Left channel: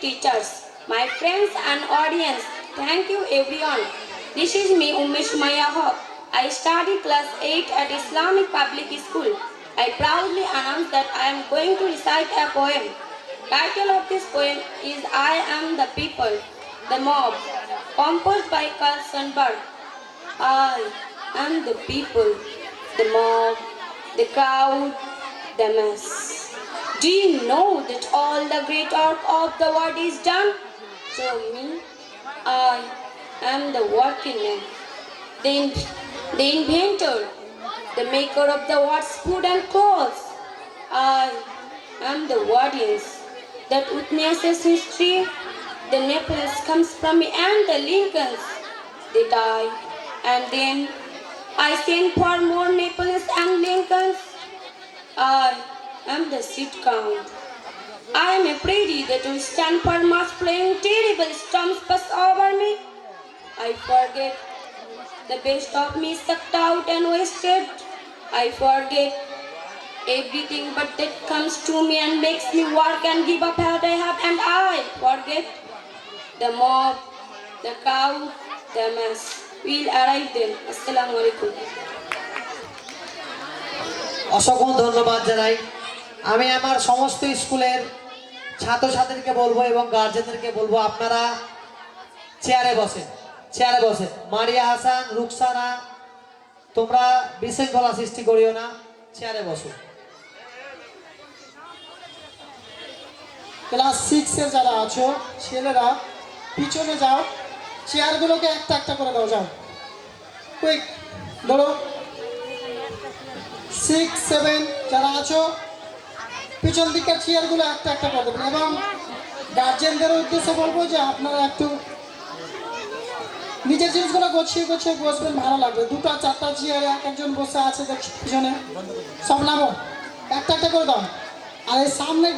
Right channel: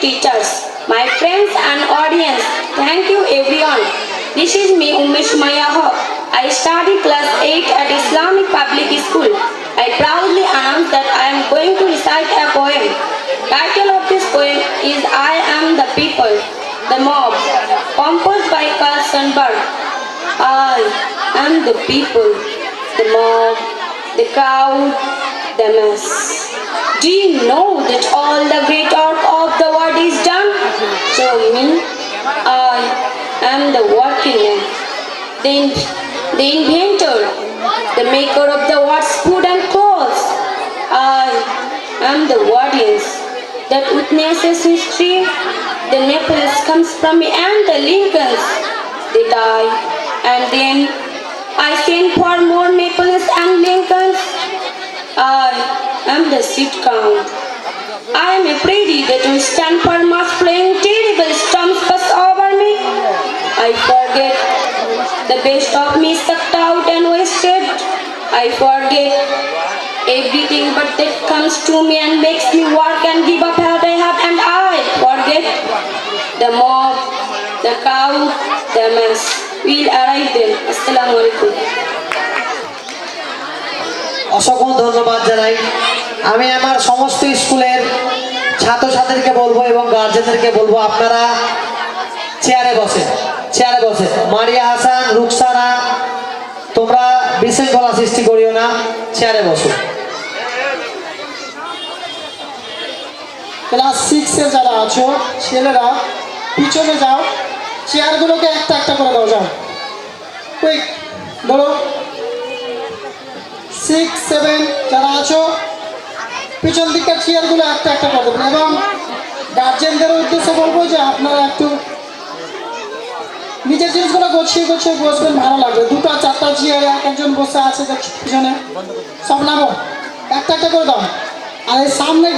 teachers, my friends and audience, thank you everyone. This is me Umesh Maya Haq. I study class 8 at Islamic Public School. I proudly announce that I am going to recite a poem. Title of this poem is I Am the People, the Mob, composed by Carl Sandburg. I am the people, the mob, the crowd, the mass. Do you know that all the great work of the world is done through me? I am the working man, the inventor, the maker of the world's food and clothes. I am the audience that witnesses history. The Naples comes from me and the Lincolns. They die and then I send for more Naples and Lincolns. I am the seed count. I am afraid that will stand for much playing terrible storms pass over me. I forget the best of me sucked out and wasted. I forget everything but that comes to me and makes me work and give up what I have, and I forget the mob, the cow, the mass will arrive then. Assalamu alaikum. অসংখ্য ধন্যবাদ জানাই। আমি আমার সমস্ত স্কুলের ছাত্রছাত্রীদেরকে বলবো এবং গার্জেনদেরকে বলবো আপনারা চেয়ারে বসে মারিয়া হাসান, রুকসানা, তোমরা বিশৃঙ্খলা সৃষ্টি করিও না, চেয়ারে বসো। ক্লাস 6 এ যারা আছো ছেলেরা পিছনে যাও, চেয়ারগুলোকে একটা একটা করে দাও, যাও কুইক বলো। 6, 7 যারা আছো পিছন দিকের চেয়ারগুলো একটা একটা করে দেবেন এবং গার্জেনদের উদ্দেশ্যে বলবো যে আপনারা একটু নিজের জিনিসগুলো গুছিয়ে বসবেন, ভালো লাগবে। 2টা 4টা চেয়ারে একজন বসে আছে দেখছি পিছনে, সব নামো, একটা একটা করে দাও। আর এই সামনে